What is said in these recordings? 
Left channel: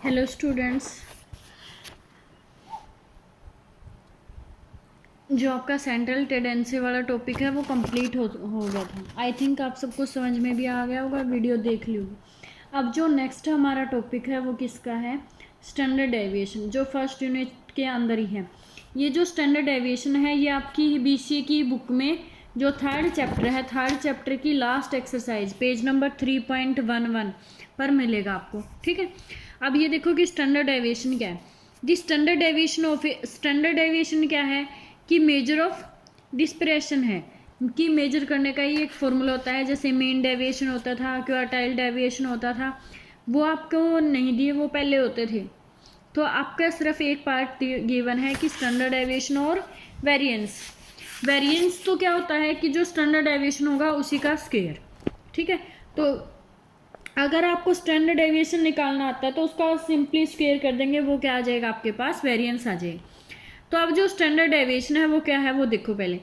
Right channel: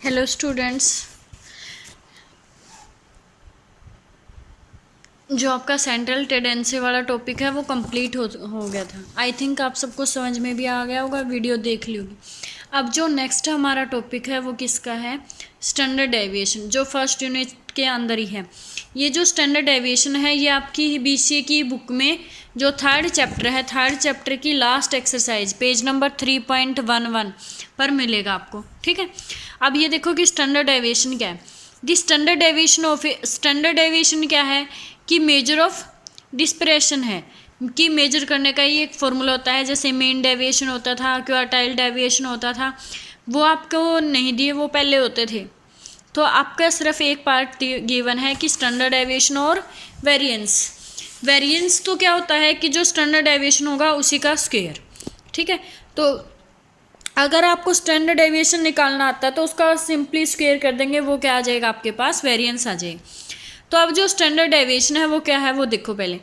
Hello students, जो आपका central tendency वाला टॉपिक है वो कंप्लीट हो गया था। आई थिंक आप सबको समझ में भी आ गया होगा, वीडियो देख ली होगी। अब जो नेक्स्ट हमारा टॉपिक है वो किसका है? स्टैंडर्ड डेविएशन, जो फर्स्ट यूनिट के अंदर ही है। ये जो स्टैंडर्ड डेविएशन है ये आपकी बीसीए की बुक में जो थर्ड चैप्टर है, थर्ड चैप्टर की लास्ट एक्सरसाइज पेज नंबर 3.11 पर मिलेगा आपको। ठीक है, अब ये देखो कि स्टैंडर्ड डेविएशन क्या है। दी standard deviation of standard deviation क्या है कि मेजर ऑफ डिस्परेशन है कि मेजर करने का ही एक फॉर्मूला होता है। जैसे मीन डेविएशन होता था, क्वार्टाइल डेविएशन होता था, वो आपको नहीं दिए, वो पहले होते थे। तो आपका सिर्फ एक पार्ट गिवन है कि स्टैंडर्ड डेविएशन और वेरिएंस। वेरिएंस तो क्या होता है कि जो स्टैंडर्ड डेविएशन होगा उसी का स्क्वायर। ठीक है, तो अगर आपको स्टैंडर्ड डेविएशन निकालना आता है तो उसका सिंपली स्क्वायर कर देंगे, वो क्या आ जाएगा आपके पास? वेरिएंस आ जाएगा। तो अब जो स्टैंडर्ड डेविएशन है वो क्या है वो देखो पहले।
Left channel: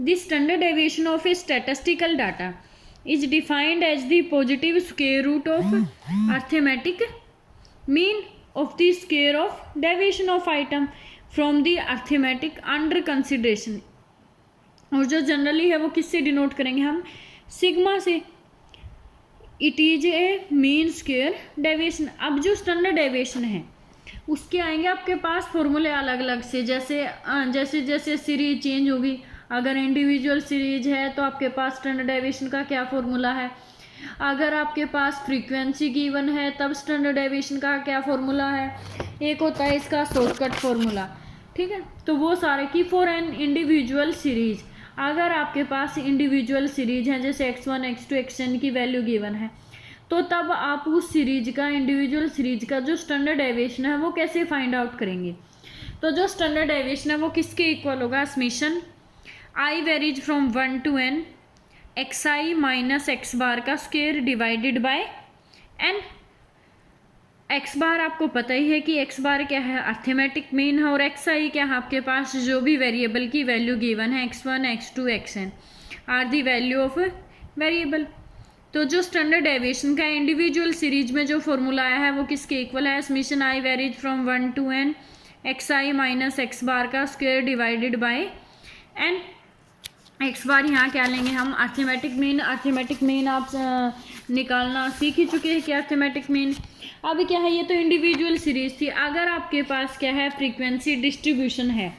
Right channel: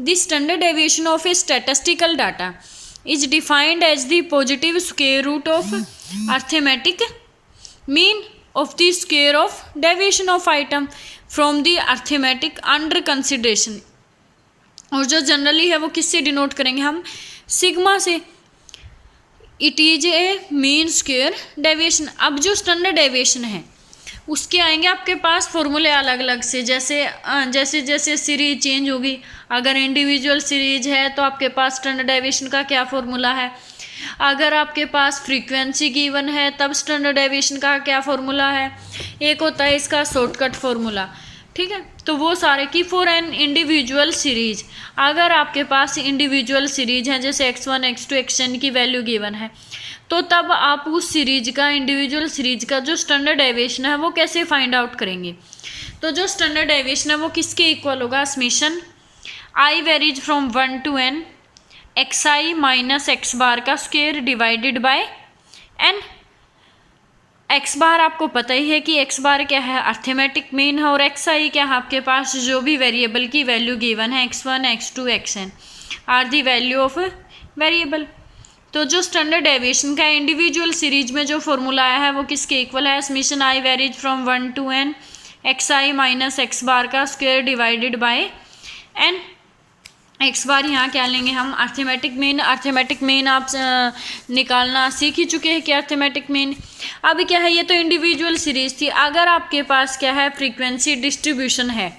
The standard deviation of a statistical data is defined as the positive square root of arithmetic mean of the square of deviation of item from the arithmetic under consideration. और जो generally है वो किससे डिनोट करेंगे हम? Sigma से। It is a mean square deviation. अब जो स्टैंडर्ड डेविएशन है उसके आएंगे आपके पास फॉर्मूले अलग अलग से, जैसे जैसे सीरीज चेंज होगी। अगर इंडिविजुअल सीरीज है तो आपके पास स्टैंडर्ड डेविएशन का क्या फॉर्मूला है। अगर आपके पास फ्रीक्वेंसी गिवन है तब स्टैंडर्ड डेविएशन का क्या फॉर्मूला है। एक होता है इसका शॉर्टकट फॉर्मूला। ठीक है, तो वो सारे की फॉर एन इंडिविजुअल सीरीज। अगर आपके पास इंडिविजुअल सीरीज है जैसे x1 x2 xn की वैल्यू गिवन है तो तब आप उस सीरीज का, इंडिविजुअल सीरीज का जो स्टैंडर्ड डेविएशन है वो कैसे फाइंड आउट करेंगे। तो जो स्टैंडर्ड डेविएशन है वो किसके इक्वल होगा? Summation I varies from 1 to n X I minus x bar का square divided by n। X bar आपको पता ही है कि एक्स बार क्या है? अर्थमेटिक मीन है। और एक्स आई क्या है? आपके पास जो भी वेरिएबल की वैल्यू गिवन है x1 x2 xn are the value of variable. तो जो स्टैंडर्ड डेविएशन का इंडिविजुअल सीरीज में जो फॉर्मूला आया है वो किसके इक्वल है? Summation I varies from 1 to n X I minus x bar का square divided by n। X bar यहाँ क्या लेंगे हम? Arithmetic mean. अर्थमेटिक मीन आप निकालना सीख ही चुके हैं कि अर्थमेटिक मीन। अब क्या है, ये तो इंडिविजुअल सीरीज थी। अगर आपके पास क्या है? फ्रीक्वेंसी डिस्ट्रीब्यूशन है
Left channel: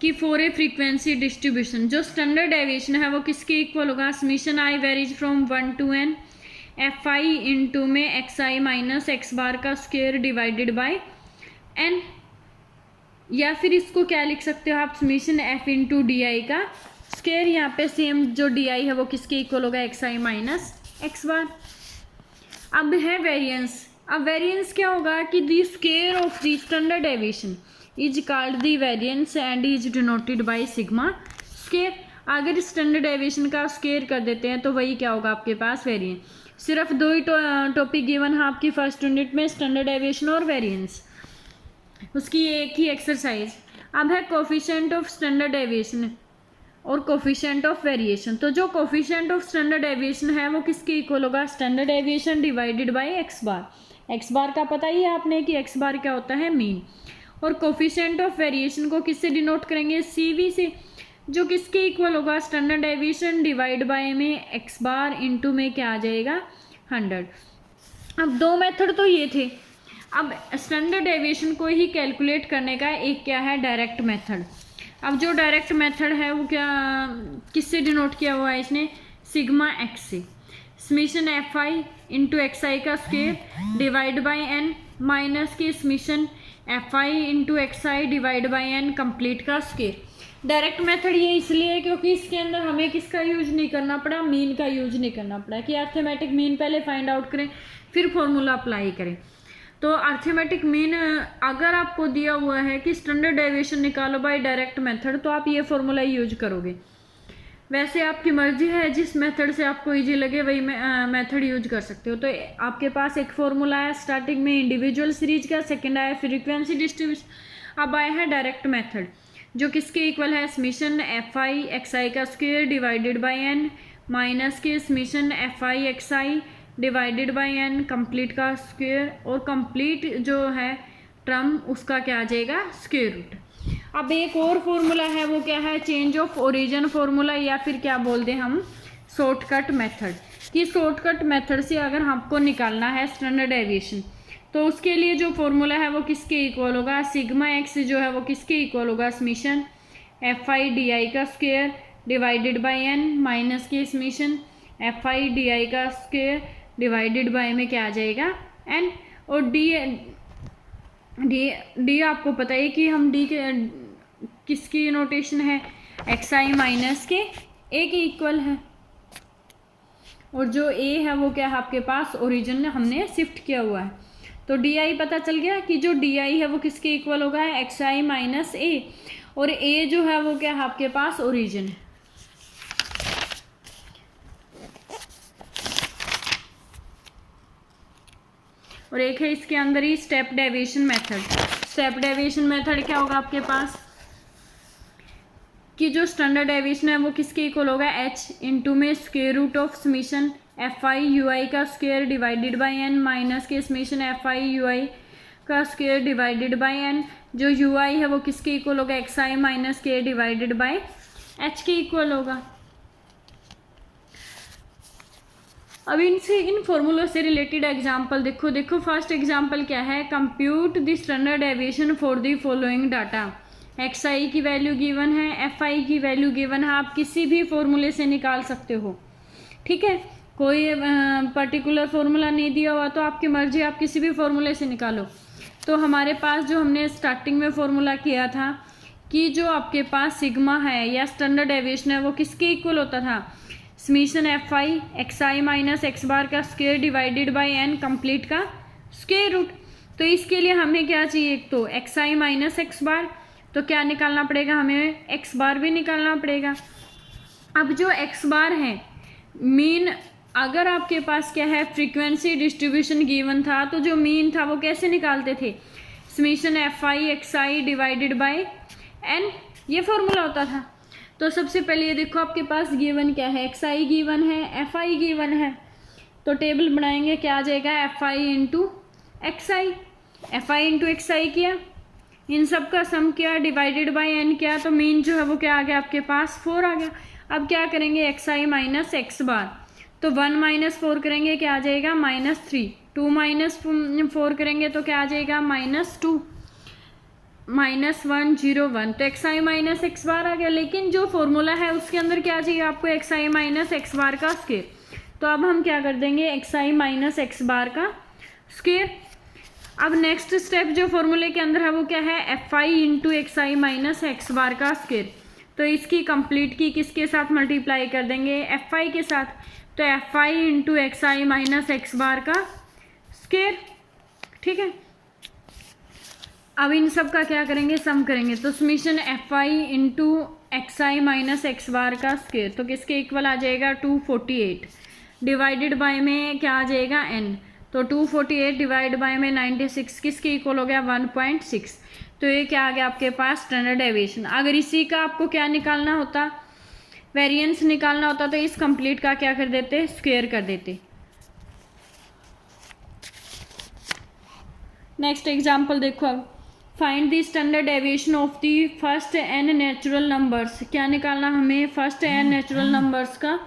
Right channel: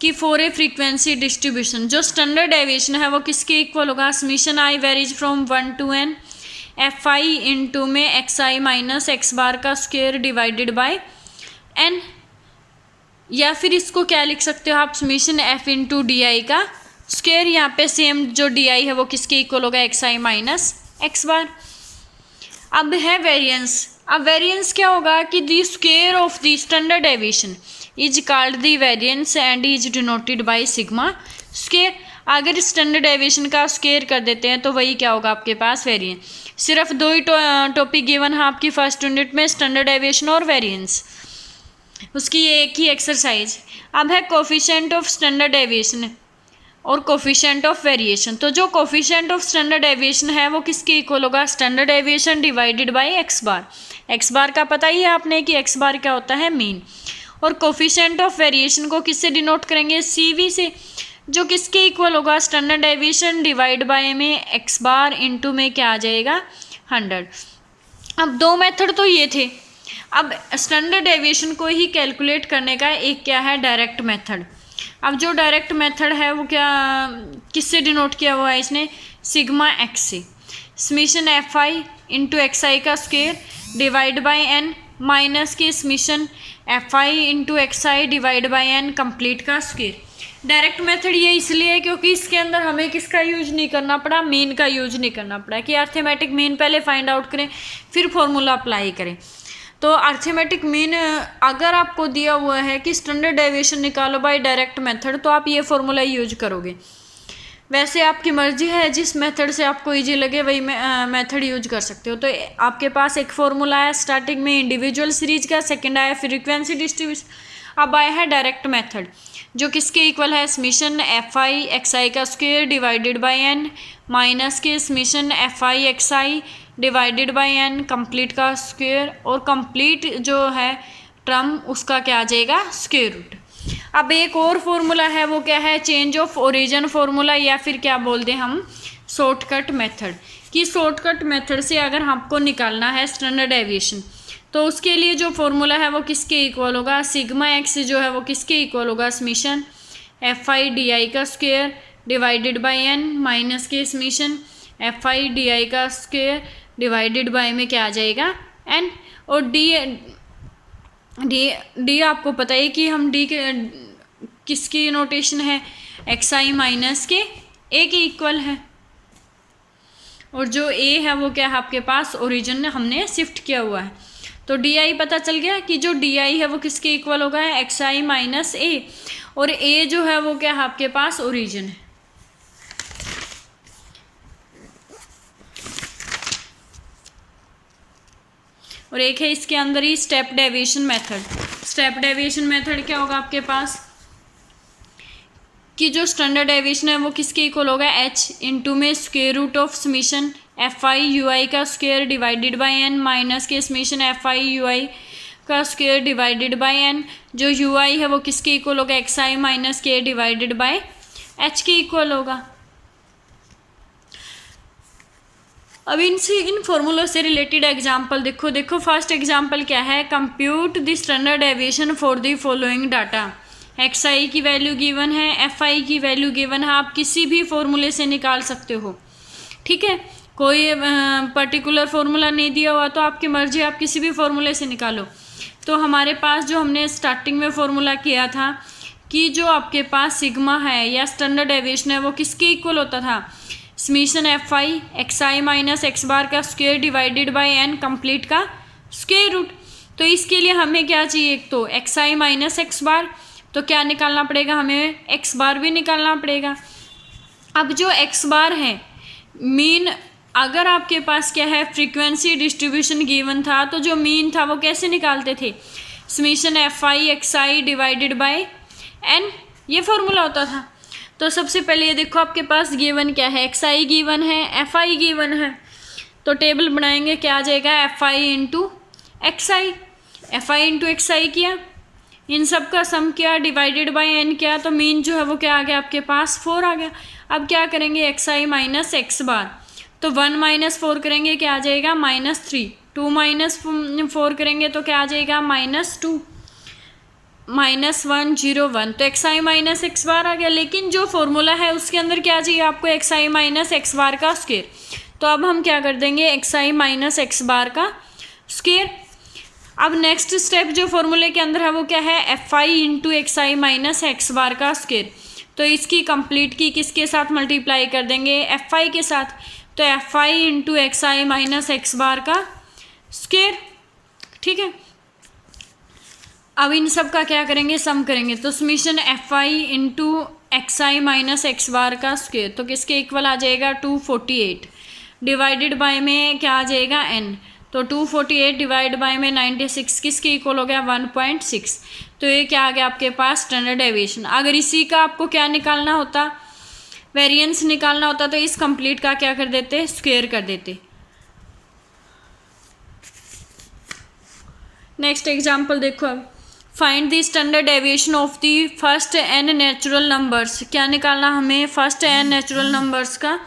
कि फॉर ए फ्रीक्वेंसी डिस्ट्रीब्यूशन जो स्टैंडर्ड डेविएशन है वो किसके इक्वल होगा? Summation I varies from 1 to n F I into में एक्स आई माइनस एक्स बार का स्क्वायर डिवाइडेड बाय n। या फिर इसको क्या लिख सकते हो आप? Summation F into D I का स्क्वायर। यहाँ पे सेम जो डी आई है वो किसके इक्वल होगा? एक्स आई माइनस एक्स बार। अब है वेरिएंस। अब वेरिएंस क्या होगा कि the square of the standard deviation is called the variance and is denoted by sigma square. अगर स्टैंडर्ड डेविएशन का स्क्वायर कर देते हैं तो वही क्या होगा आपके पास? वेरिएंस। सिर्फ दो ही टॉपिक गिवन है आपकी फर्स्ट यूनिट में, स्टैंडर्ड डेविएशन और वेरिएंस, उसकी एक ही एक्सरसाइज। अब है कोफिशिएंट ऑफ स्टैंडर्ड डेविएशन और कोफिशिएंट ऑफ वेरिएशन। तो जो कोफिशिएंट ऑफ स्टैंडर्ड डेविएशन है वो किसके इक्वल होगा? Standard deviation divided by X bar. X bar का पता ही है आपने कि एक्स बार क्या होता है? मीन। और कोफिशिएंट ऑफ वेरिएशन को किससे डिनोट करेंगे? CV से, जो किसके इक्वल होगा? स्टैंडर्ड डेविएशन डिवाइड बाय में एक्स बार इंटू में क्या आ जाएगा? 100। अब दो मेथड तो ये थे। अब स्टैंडर्ड डेविएशन को ही कैलकुलेट करने का एक क्या है? Direct method. अब जो डायरेक्ट मेथड है वो क्या, किससे डिनोट किया हुआ है इसने? सिग्मा एक्स से। Summation F I into x आई का square divide by n minus की summation F I into x I divide by n complete का स्क्वायर। डायरेक्ट मेथड ये इसलिए है क्योंकि इसके अंदर हमें किसका यूज नहीं करना पड़ा? मीन का यूज नहीं करना पड़ा कि अर्थमेटिक मीन पहले फाइंड आउट करें फिर फॉर्मूला अप्लाई करें। तो अर्थमेटिक मीन अगर आपको दिया हुआ है कि स्टैंडर्ड डेविएशन निकालो बाय डायरेक्ट मेथड तो आप ये फॉर्मूला यूज करोगे। वैसे आपकी मर्जी है, जिस मेथड से आपको इजी लगे वही मेथड यूज कर सकते हो। तो आपके पास एक फॉर्मूला है स्टार्टिंग में इंडिविजुअल सीरीज का, सेकंड आया फ्रीक्वेंसी डिस्ट्रीब्यूशन, अब आया है डायरेक्ट मेथड जो किसके इक्वल है? समेशन एफ आई एक्स आई का square divided by n minus के summation F I x I divided by N complete का स्क्वायर, और कंप्लीट जो है टर्म उसका क्या आ जाएगा स्क्वायर रूट। अब एक और फॉर्मूला है वो क्या है, चेंज ऑफ ओरिजिन फॉर्मूला, या फिर क्या बोलते हैं हम शॉर्टकट मेथड। कि शॉर्टकट मेथड से अगर हमको निकालना है स्टैंडर्ड डेविएशन तो उसके लिए जो फॉर्मूला है वो किसके इक्वल होगा, सिग्मा एक्स जो है वो किसके इक्वल होगा, summation F I D I का square divided by N minus के summation F I D I का स्क्वायर डिवाइडेड बाय में क्या आ जाएगा एन। और डी आपको पता है कि हम डी के किसकी नोटेशन है, एक्स आई माइनस के ए के इक्वल है, और जो ए है वो क्या है आपके पास ओरिजिन हमने शिफ्ट किया हुआ है। तो डी आई पता चल गया कि जो डी आई है वो किसके इक्वल होगा, एक्स आई माइनस ए, और ए जो है वो क्या है आपके पास ओरिजिन है। और एक है इसके अंदर ही step deviation method. Step deviation method क्या होगा आपके पास कि जो स्टैंडर्ड डेविएशन है वो किसके इक्वल होगा, एच इंटू में square root of summation F I you I का square divided by N minus के summation F I you I का स्क्वायर डिवाइडेड बाय एन। जो यू आई है वो किसके इक्वल होगा, एक्स आई माइनस के डिवाइडेड बाय एच के इक्वल होगा। अब इन फॉर्मूलों से रिलेटेड एग्जांपल देखो फर्स्ट एग्जांपल क्या है, compute the standard deviation for the following data. X आई की वैल्यू गिवन है, एफ आई की वैल्यू गिवन है, आप किसी भी फॉर्मूले से निकाल सकते हो, ठीक है, कोई पर्टिकुलर फॉर्मूला नहीं दिया हुआ तो आपकी मर्जी, आप किसी भी फॉर्मूले से निकालो। तो हमारे पास जो हमने स्टार्टिंग में फॉर्मूला किया था कि जो आपके पास सिग्मा है या स्टैंडर्ड डेविएशन है वो किसके इक्वल होता था, summation F I x I minus x bar का square divided by N complete का स्क्वायर रूट। तो इसके लिए हमें क्या चाहिए, एक तो एक्स आई माइनस एक्स बार, तो क्या निकालना पड़ेगा, हमें एक्स बार भी निकालना पड़ेगा। अब जो एक्स बार है मीन, अगर आपके पास क्या है फ्रीक्वेंसी डिस्ट्रीब्यूशन गिवन था तो जो मीन था वो कैसे निकालते थे, summation F I x I divided by n, ये फॉर्मूला होता था। तो सबसे पहले ये देखो आपके पास गिवन क्या है, एक्स आई गिवन है, एफ आई गिवन है, तो टेबल बनाएंगे, क्या आ जाएगा F I into x I, F I into x I किया, इन सब का सम किया डिवाइडेड बाय एन किया, तो मीन जो है वो क्या आ गया आपके पास 4 आ गया। अब क्या करेंगे, एक्स आई माइनस एक्स बार, तो 1 माइनस 4 करेंगे क्या आ जाएगा -3, 2 माइनस 4 करेंगे तो क्या आ जाएगा -2, -1 0 1, तो एक्स आई माइनस एक्स बार आ गया। लेकिन जो फॉर्मूला है उसके अंदर क्या चाहिए आपको, एक्स आई माइनस एक्स बार का स्क्वायर। तो अब हम क्या कर देंगे, एक्स आई माइनस एक्स बार का स्क्वायर। अब नेक्स्ट स्टेप जो फॉर्मूले के अंदर है वो क्या है, एफ आई इंटू एक्स आई माइनस एक्स बार का स्क्वायर। तो इसकी कंप्लीट की किसके साथ मल्टीप्लाई कर देंगे, एफ आई के साथ, तो एफ आई इंटू एक्स आई माइनस एक्स बार का स्क्वायर, ठीक है। अब इन सब का क्या करेंगे, सम करेंगे, तो summation F I into x I minus x bar का स्क्वायर, तो किसके इक्वल आ जाएगा 248 डिवाइडेड बाय में क्या आ जाएगा n, तो 248 डिवाइड बाय में 96 किसके इक्वल हो गया 1.6। तो ये क्या आ गया आपके पास स्टैंडर्ड डेविएशन। अगर इसी का आपको क्या निकालना होता, वेरिएंस निकालना होता, तो इस कंप्लीट का क्या कर देते, स्क्वायर कर देते। नेक्स्ट एग्जांपल देखो, अब find the standard deviation of the first n natural numbers. क्या निकालना हमें, फर्स्ट n नेचुरल नंबर्स का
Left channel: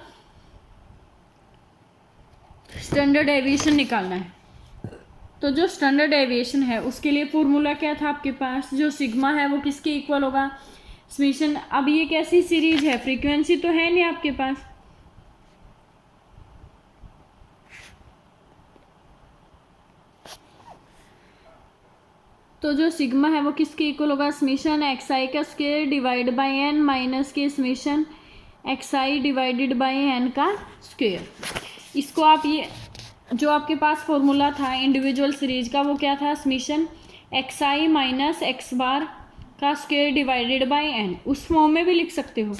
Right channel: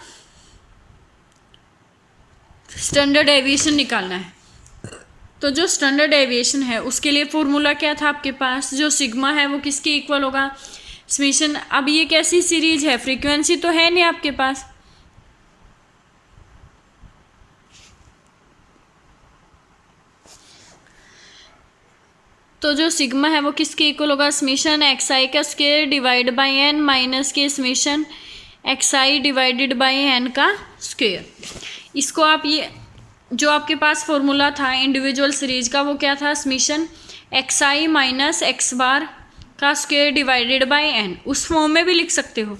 स्टैंडर्ड डेविएशन निकालना है। तो जो स्टैंडर्ड डेविएशन है उसके लिए फॉर्मूला क्या था आपके पास, जो सिग्मा है वो किसके इक्वल होगा, समीशन। अब ये कैसी सीरीज है, फ्रीक्वेंसी तो है नहीं आपके पास, तो जो सिग्मा है वो किसके इक्वल होगा, समीशन एक्स आई का square divide by N minus के summation x I divided by n का स्क्वायर। इसको आप ये जो आपके पास फॉर्मूला था इंडिविजुअल सीरीज का वो क्या था, समीशन एक्स आई माइनस एक्स बार का स्क्वायर डिवाइडेड बाय एन, उस फॉर्म में भी लिख सकते हो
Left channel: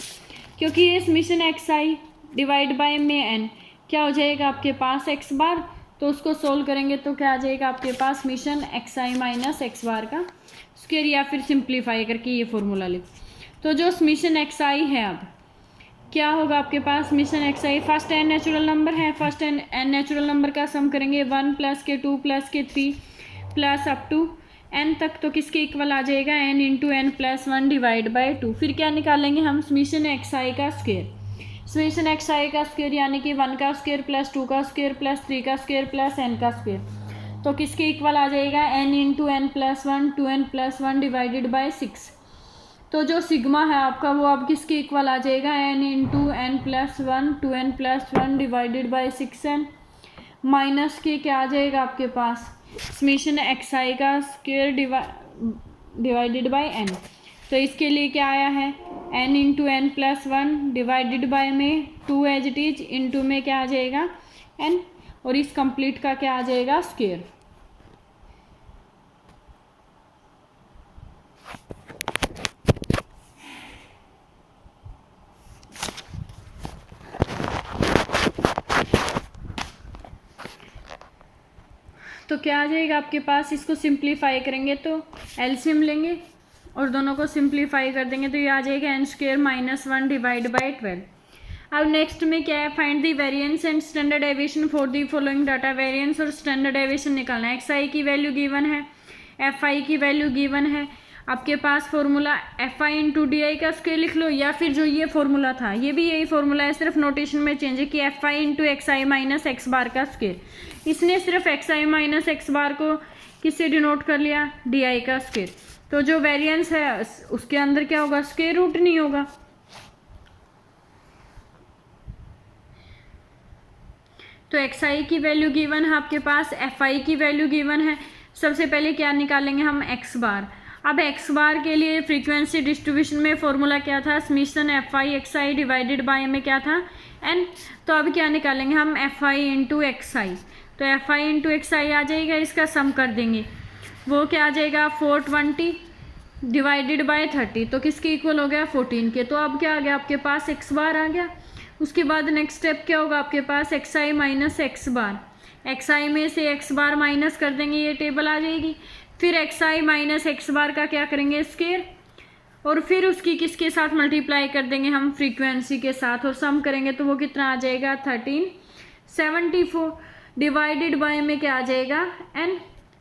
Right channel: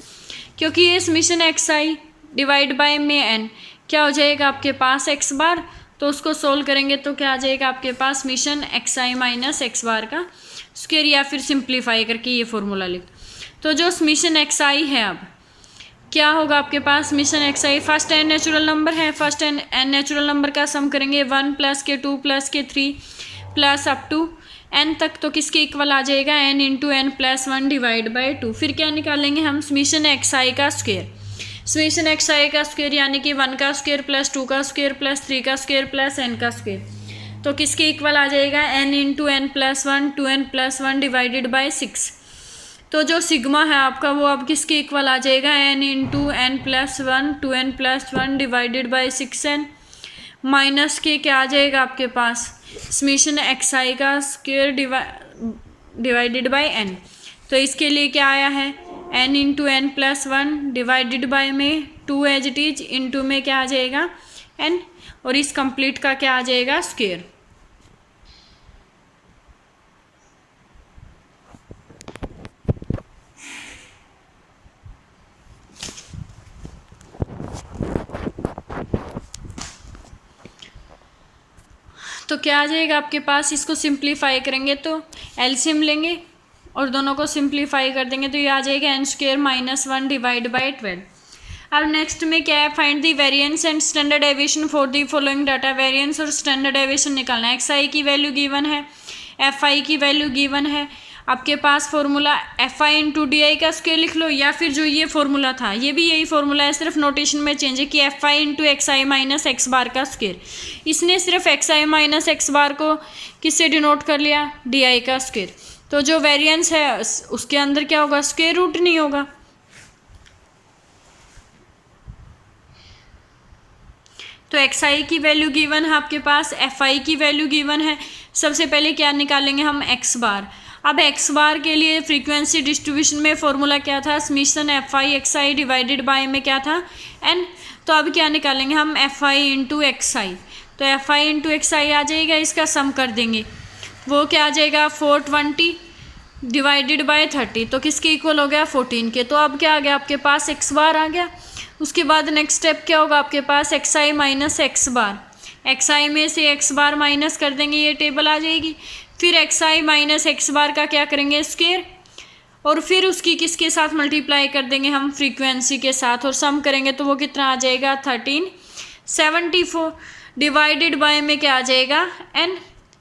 क्योंकि ये summation x I divide by में एन क्या हो जाएगा आपके पास एक्स बार, तो उसको सोल्व करेंगे तो क्या आ जाएगा आपके पास समीशन एक्स आई माइनस एक्स बार का स्क्वायर, या फिर सिंप्लीफाई करके ये फॉर्मूला लिख। तो जो समीशन एक्स आई है अब क्या होगा आपके पास समेशन एक्स आई, फर्स्ट एन नेचुरल नंबर है, फर्स्ट एन नेचुरल नंबर का सम करेंगे 1 + के 2 + के 3 प्लस अप टू n तक, तो किसके इक्वल आ जाएगा n × n + 1 / 2। फिर क्या निकालेंगे हम समेशन एक्स आई का स्क्वायर, समेशन एक्स आई का स्क्वायर यानी कि 1 का स्क्वायर प्लस 2 का स्क्वायर प्लस 3 का स्क्वायर प्लस n का स्क्वायर, तो किसके इक्वल आ जाएगा n × n + 1 2n + 1 / 6। तो जो सिग्मा है आपका वो अब किसके इक्वल आ जाएगा n × n + 1 2n + 1 / 6n minus के क्या आ जाएगा आपके पास समेशन एक्स आई का स्क्वायर डिवाइडेड बाय n। तो इसके लिए क्या आया है n × n + 1 डिवाइडेड बाय में 2 एज इट इज, इंटू में क्या आ जाएगा n, और इस कंप्लीट का क्या आ जाएगा स्क्वायर। तो क्या आ जाएगा आपके पास, इसको सिंप्लीफाई करेंगे तो एलसीएम लेंगे और दोनों को सिंप्लीफाई कर देंगे तो ये आ जाएगा n² - 1 / 12। अब नेक्स्ट में क्या है, find the variance and standard deviation for the following data. Variance और स्टैंडर्ड डेविएशन निकालना है। एक्स आई की वैल्यू गिवन है, एफ आई की वैल्यू गिवन है, आपके पास formula F I into D I का स्क्वायर लिख लो, या फिर जो ये फॉर्मूला था ये भी यही फॉर्मूला है, सिर्फ नोटेशन में चेंज है कि एफ आई इंटू एक्स आई माइनस एक्स बार का स्क्वायर। इसने सिर्फ एक्स आई माइनस एक्स बार को किससे डिनोट कर लिया, डी आई का स्क्वायर। तो जो वेरिएंस है उसके अंदर क्या होगा, स्क्वायर रूट नहीं होगा। तो एक्स आई की वैल्यू गिवन है आपके पास, एफ आई की वैल्यू गिवन है। सबसे पहले क्या निकालेंगे हम, एक्स बार। अब एक्स बार के लिए फ्रीक्वेंसी डिस्ट्रीब्यूशन में फॉर्मूला क्या था, summation F I x I divided by में क्या था एन। तो अब क्या निकालेंगे हम, एफ आई इंटू एक्स आई। तो एफ आई इंटू एक्स आई आ जाएगा, इसका सम कर देंगे, वो क्या आ जाएगा 420 डिवाइडेड बाय 30, तो किसके इक्वल हो गया 14 के। तो अब क्या आ गया आपके पास, एक्स बार आ गया। उसके बाद नेक्स्ट स्टेप क्या होगा आपके पास, एक्स आई माइनस एक्स बार। एक्स आई में से एक्स बार माइनस कर देंगे, ये टेबल आ जाएगी। फिर एक्स आई माइनस एक्स बार का क्या करेंगे स्क्वायर, और फिर उसकी किसके साथ मल्टीप्लाई कर देंगे हम, फ्रीक्वेंसी के साथ, और सम करेंगे तो वो कितना आ जाएगा 1374 डिवाइडेड बाय में क्या आ जाएगा एन।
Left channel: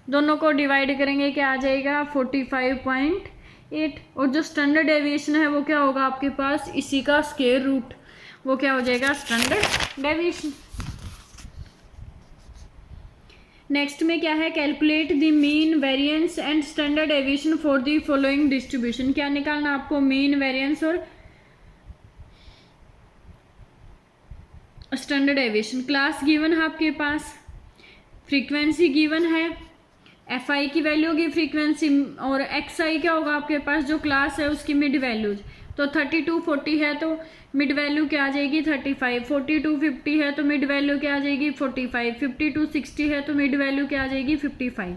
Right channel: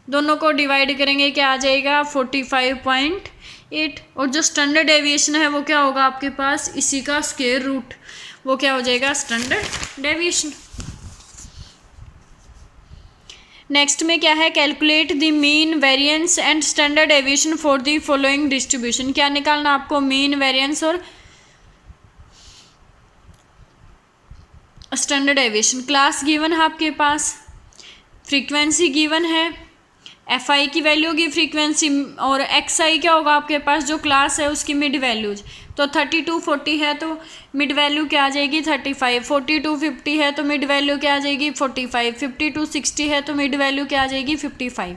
दोनों को डिवाइड करेंगे क्या आ जाएगा 45.8, और जो स्टैंडर्ड डेविएशन है वो क्या होगा आपके पास, इसी का स्क्वायर रूट, वो क्या हो जाएगा स्टैंडर्ड डेविएशन। नेक्स्ट में क्या है, calculate the mean variance and standard deviation for the following distribution. क्या निकालना आपको, मीन वेरिएंस और स्टैंडर्ड डेविएशन। क्लास गिवन है आपके पास, फ्रीक्वेंसी गिवन है, एफ आई की वैल्यू होगी फ्रीक्वेंसी, और एक्स आई क्या होगा आपके पास, जो क्लास है उसकी मिड वैल्यूज। तो 32 40 है तो मिड वैल्यू क्या आ जाएगी 35, 42 50 है तो मिड वैल्यू क्या आ जाएगी 45, 52 60 है तो मिड वैल्यू क्या आ जाएगी 55।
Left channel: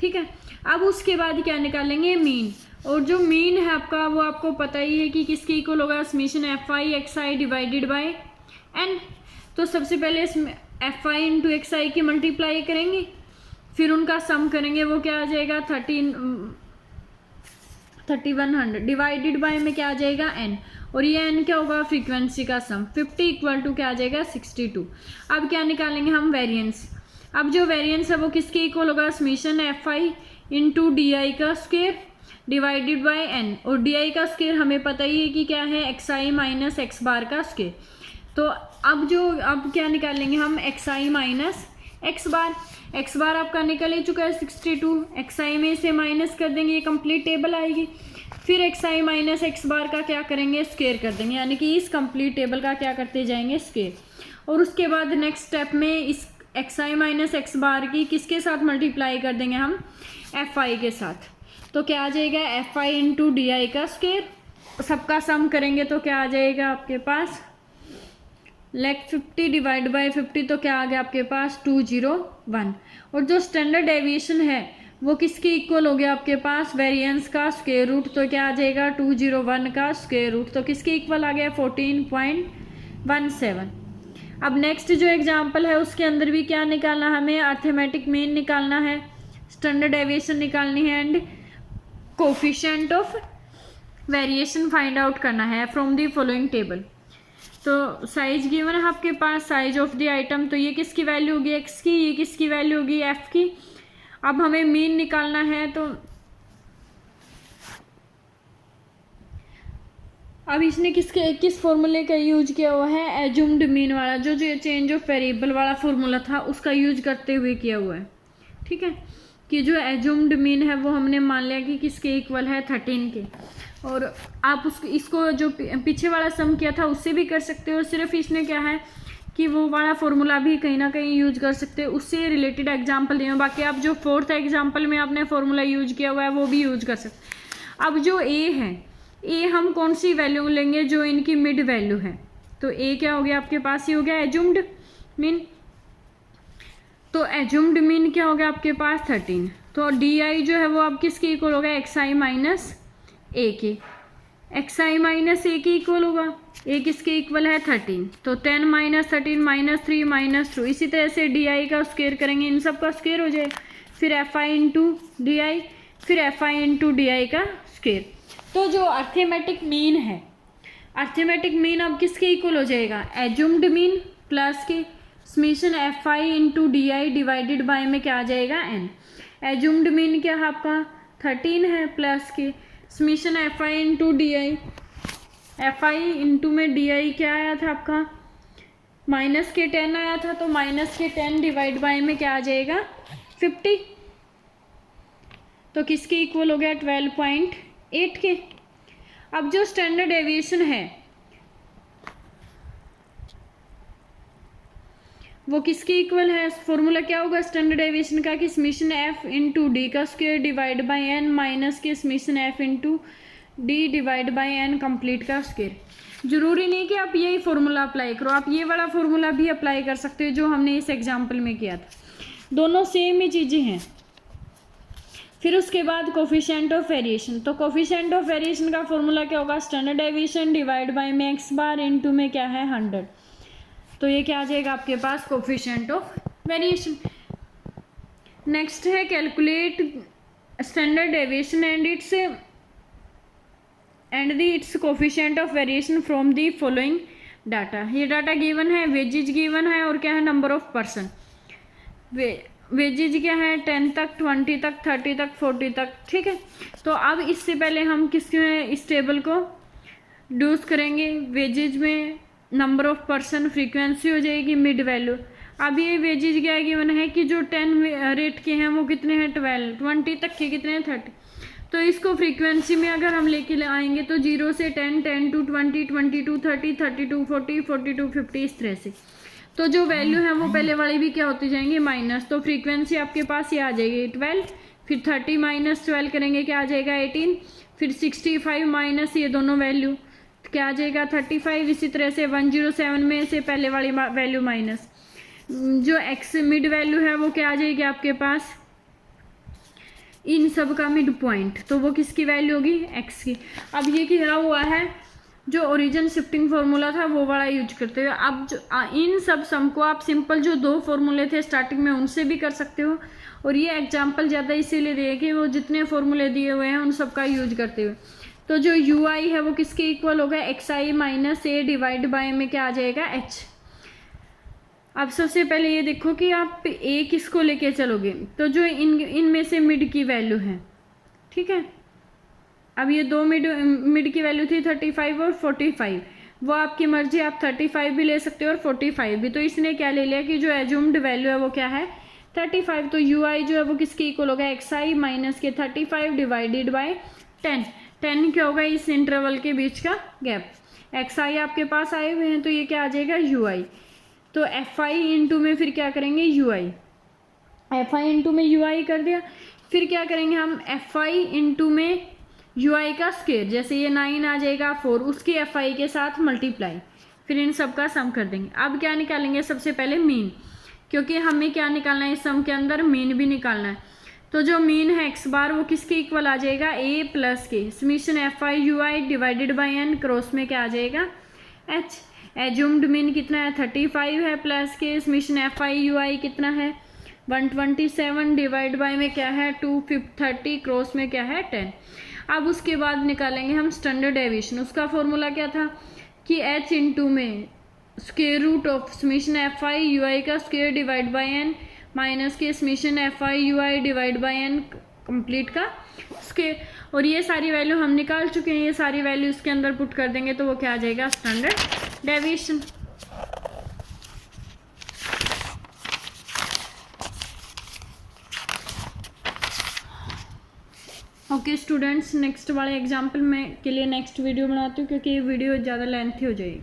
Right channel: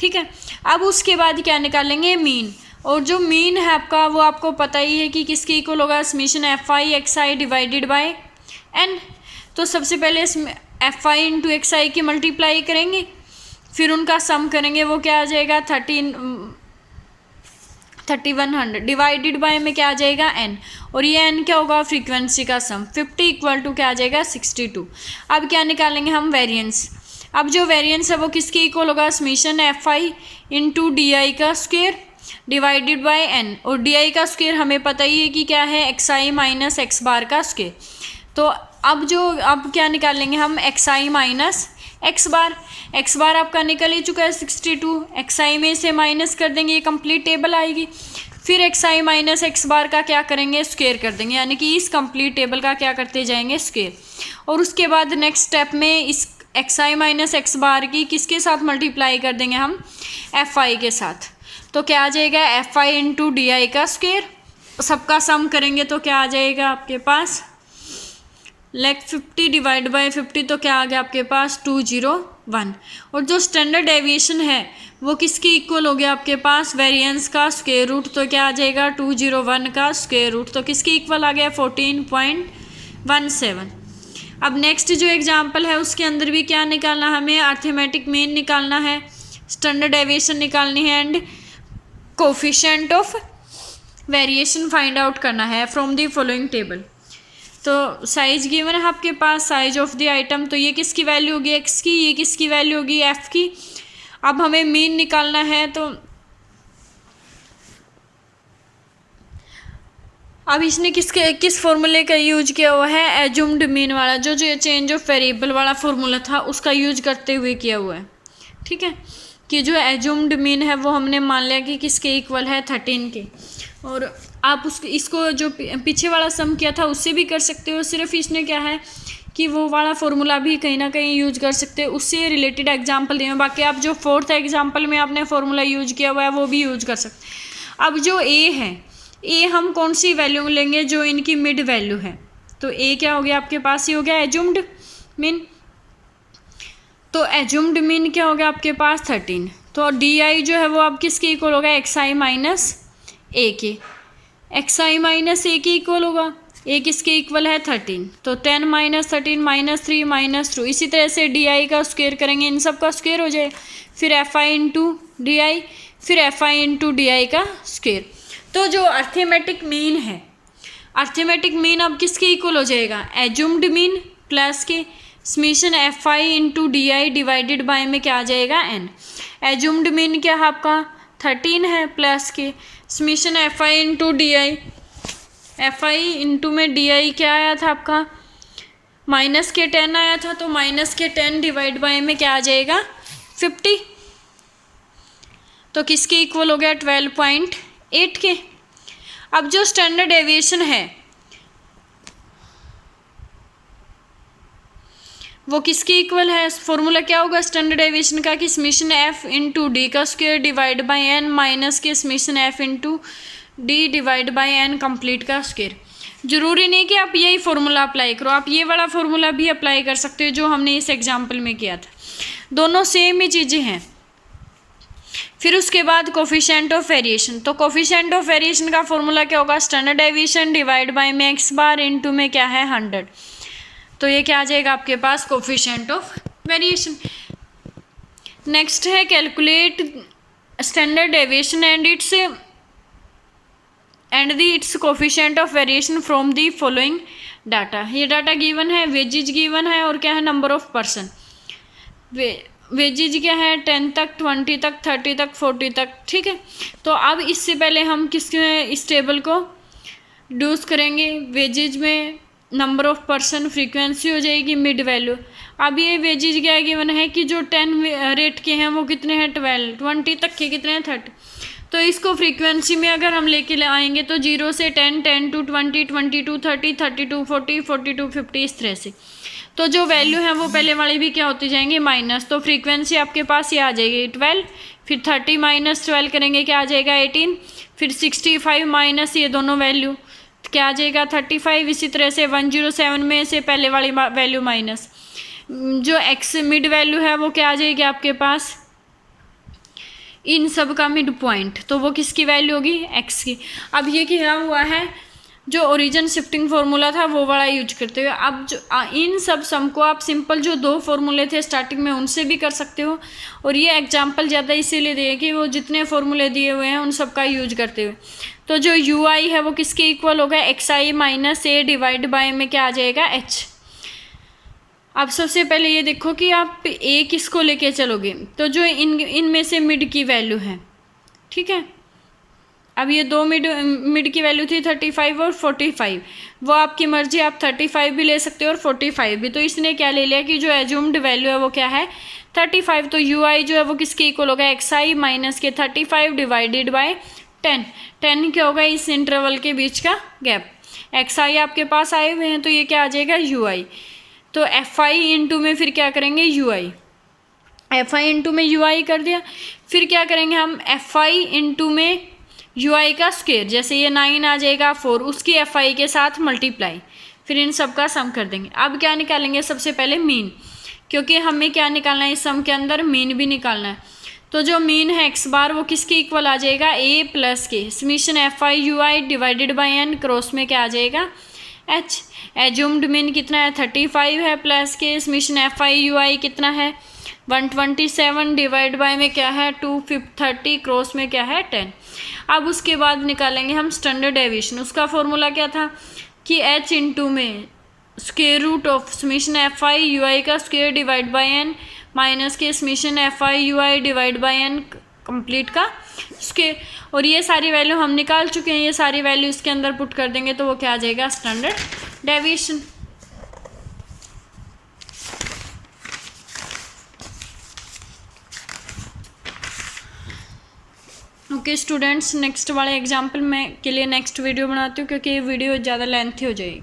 ठीक है, अब उसके बाद क्या निकालेंगे, मीन। और जो मीन है आपका वो आपको पता ही है कि किसके इक्वल होगा, summation F I x I divided by n. तो सबसे पहले एफ आई इंटू एक्स आई की मल्टीप्लाई करेंगे, फिर उनका सम करेंगे, वो क्या आ जाएगा 3100 डिवाइडेड बाय में क्या आ जाएगा एन, और ये एन क्या होगा फ्रीक्वेंसी का सम। 50 = क्या आ जाएगा 62। अब क्या निकालेंगे हम, वेरिएंस। अब जो वेरिएंस है वो किसके इक्वल होगा, summation F I into D I का स्क्वायर डिवाइडेड बाय एन, और डी आई का स्क्वायर हमें पता ही है कि क्या है, एक्स आई माइनस एक्स बार का स्क्वायर। तो अब क्या निकालेंगे हम, एक्स आई माइनस एक्स बार। एक्स बार आपका निकल ही चुका है 62, एक्स आई में से माइनस कर देंगे, ये कंप्लीट टेबल आएगी। फिर एक्स आई माइनस एक्स बार का क्या करेंगे, स्क्वायर कर देंगे, यानी कि इस कंप्लीट टेबल का क्या करते जाएंगे, स्क्वायर। और उसके बाद नेक्स्ट स्टेप में इस एक्स आई माइनस एक्स बार की किसके साथ मल्टीप्लाई कर देंगे हम, एफ आई के साथ। तो क्या आ जाएगा, F I into D I का स्क्वायर। सबका सम करेंगे तो क्या आ जाएगा आपके पास, 50 डिवाइड बाय 50, तो क्या आ गया आपके पास 201। और जो स्टैंडर्ड डेविएशन है वो किसके इक्वल हो गया आपके पास, वेरिएंस का स्क्वायर रूट। तो क्या आ जाएगा 201 का स्क्वायर रूट, तो किसके इक्वल आ गया 14.17। अब नेक्स्ट जो एग्जांपल है उसके अंदर भी क्या निकालना, हमें अर्थमेटिक मीन निकालना है, स्टैंडर्ड डेविएशन निकालनी है, and coefficient of variation find out करना है फ्रॉम द फॉलोइंग टेबल। तो साइज गिवन है आपके पास, साइज ऑफ द आइटम, तो ये किसकी वैल्यू होगी, एक्स की, ये किसकी वैल्यू होगी, एफ की। अब हमें मीन निकालना है, तो अब इसने किस फॉर्मूले का यूज किया हुआ है, एज्यूम्ड मीन वाला, जो चेंज ऑफ वेरिएबल वाला फॉर्मूला था उसका यूज करते हुए किया हुआ है। ठीक है, कि जो एज्यूम्ड मीन है वो हमने मान लिया कि किसके इक्वल है, 13 के। और आप इसको जो पीछे वाला सम किया था उससे भी कर सकते हो, सिर्फ इसने क्या है कि वो वाला फॉर्मूला भी कहीं ना कहीं यूज कर सकते हो, उससे रिलेटेड एग्जांपल दिए। बाकी आप जो 4th एग्जांपल में आपने फॉर्मूला यूज किया हुआ है वो भी यूज कर सकते। अब जो ए है, ए हम कौन सी वैल्यू लेंगे, जो इनकी मिड वैल्यू है। तो ए क्या हो गया आपके पास, ये हो गया एज्यूम्ड मीन। तो एज्यूम्ड मीन क्या हो गया आपके पास, 13। तो डी आई जो है वो अब किसके इक्वल होगा, एक्स आई माइनस ए के, एक्स आई माइनस ए के इक्वल होगा। ए किसके इक्वल है, 13। तो 10 माइनस 13 माइनस 3 माइनस 2। इसी तरह से डी आई का स्क्वायर करेंगे, इन सब का स्क्वायर हो जाए, फिर F I into D I, फिर F I into D I का स्क्वायर। तो जो अर्थमेटिक मीन है, अर्थमेटिक मीन अब किसके इक्वल हो जाएगा, एज्यूम्ड मीन प्लस के summation F I into D I divided by में क्या आ जाएगा, एन। एज्यूम्ड मीन क्या है आपका, 13 है, प्लस के summation F I into D I, F I into में डी आई क्या आया था आपका, माइनस के 10 आया था, तो माइनस के 10 डिवाइड बाय में क्या आ जाएगा, 50। तो किसके इक्वल हो गया, 12.8 के। अब जो स्टैंडर्ड डेविएशन है वो किसके इक्वल है, फॉर्मूला क्या होगा स्टैंडर्ड डेविएशन का, कि समेशन एफ इंटू डी का square divide by N minus के summation F into D divide by N complete का स्क्वायर। जरूरी नहीं कि आप यही फॉर्मूला अप्लाई करो, आप ये वाला फॉर्मूला भी अप्लाई कर सकते हो जो हमने इस एग्जाम्पल में किया था, दोनों सेम ही चीज़ें हैं। फिर उसके बाद कोफिशिएंट ऑफ वेरिएशन, तो कोफिशिएंट ऑफ वेरिएशन का फॉर्मूला क्या होगा, स्टैंडर्ड डेविएशन डिवाइड बाय में एक्स बार इंटू में क्या है 100। तो ये क्या आ जाएगा आपके पास, कोफिशिएंट ऑफ वेरिएशन। नेक्स्ट है calculate standard deviation and it's coefficient of variation from the following data. ये डाटा गिवन है, वेजेज गिवन है, और क्या है, नंबर ऑफ पर्सन। वेजेज क्या है, 10 तक, 20 तक, 30 तक, 40 तक। ठीक है, तो अब इससे पहले हम इस टेबल को डूज करेंगे। वेजेज में नंबर ऑफ पर्सन, फ्रीक्वेंसी हो जाएगी, मिड वैल्यू। अब ये वेजेज क्या गिवन है कि जो 10 रेट के हैं वो कितने हैं, 12, 20 तक के कितने हैं, 30। तो इसको फ्रीक्वेंसी में अगर हम लेके आएंगे तो 0 से 10, 10 to 20, 20 to 30, 30 to 40, 40 to 50, इस तरह से। तो जो वैल्यू है वो पहले वाली भी क्या होती जाएंगी, माइनस। तो फ्रीक्वेंसी आपके पास ये आ जाएगी 12, फिर 30 माइनस 12 करेंगे क्या आ जाएगा 18, फिर 65 माइनस ये दोनों वैल्यू क्या आ जाएगा 35। इसी तरह से 107 में से पहले वाली वैल्यू माइनस जो एक्स मिड वैल्यू है वो क्या आ जाएगी आपके पास, इन सब का मिड पॉइंट, तो वो किसकी वैल्यू होगी, एक्स की। अब ये क्या हुआ है, जो ओरिजिन शिफ्टिंग फार्मूला था वो वाला यूज करते हुए अब जो इन सब सम को आप सिंपल जो 2 फॉर्मूले थे स्टार्टिंग में उनसे भी कर सकते हो। और ये एग्जांपल ज़्यादा इसीलिए दिए कि वो जितने फॉर्मूले दिए हुए हैं उन सब का यूज करते हुए। तो जो यू आई है वो किसके इक्वल होगा, X I minus A divide by में क्या आ जाएगा, एच। अब सबसे पहले ये देखो कि आप ए किसको लेके चलोगे, तो जो इनमें से मिड की वैल्यू है, ठीक है। अब ये 2 मिड की वैल्यू थी 35 और 45, वो आपकी मर्जी, आप 35 भी ले सकते हो और 45 भी। तो इसने क्या ले लिया कि जो एज्यूम्ड वैल्यू है वो क्या है 35। तो यू आई जो है वो किसके इक्वल होगा, एक्स आई माइनस के 35 डिवाइडेड बाय 10। 10 क्या होगा, इस इंटरवल के बीच का गैप। एक्स आई आपके पास आए हुए हैं तो ये क्या आ जाएगा यू आई। तो एफ आई इंटू में फिर क्या करेंगे you I, F I into में यू आई कर दिया। फिर क्या करेंगे हम एफ आई इंटू में यू आई का स्क्वायर, जैसे ये 9 आ जाएगा 4, उसकी एफ आई के साथ मल्टीप्लाई, फिर इन सब का सम कर देंगे। अब क्या निकालेंगे, सबसे पहले मीन, क्योंकि हमें क्या निकालना है इस सम के अंदर, मीन भी निकालना है। तो जो मीन है एक्स बार वो किसके इक्वल आ जाएगा, ए प्लस के summation F I you i divided by n cross में क्या आ जाएगा एच। एज्यूम्ड मीन कितना है 35 है, प्लस के समीशन एफ आई यू आई कितना है 127 डिवाइड बाय में क्या है 230 क्रॉस में क्या है 10। अब उसके बाद निकालेंगे हम स्टैंडर्ड डेविएशन। उसका फॉर्मूला क्या था कि h इंटू में square root of summation F I you I का square divide by N minus के summation F I you I divide by N complete का स्क्वायर। और ये सारी वैल्यू हम निकाल चुके हैं, ये सारी वैल्यू इसके अंदर पुट कर देंगे तो वो क्या आ जाएगा, standard deviation. Okay students, next वाले एग्जाम्पल मैं के लिए नेक्स्ट वीडियो बनाती हूँ क्योंकि ये वीडियो ज़्यादा लेंथी हो जाएगी।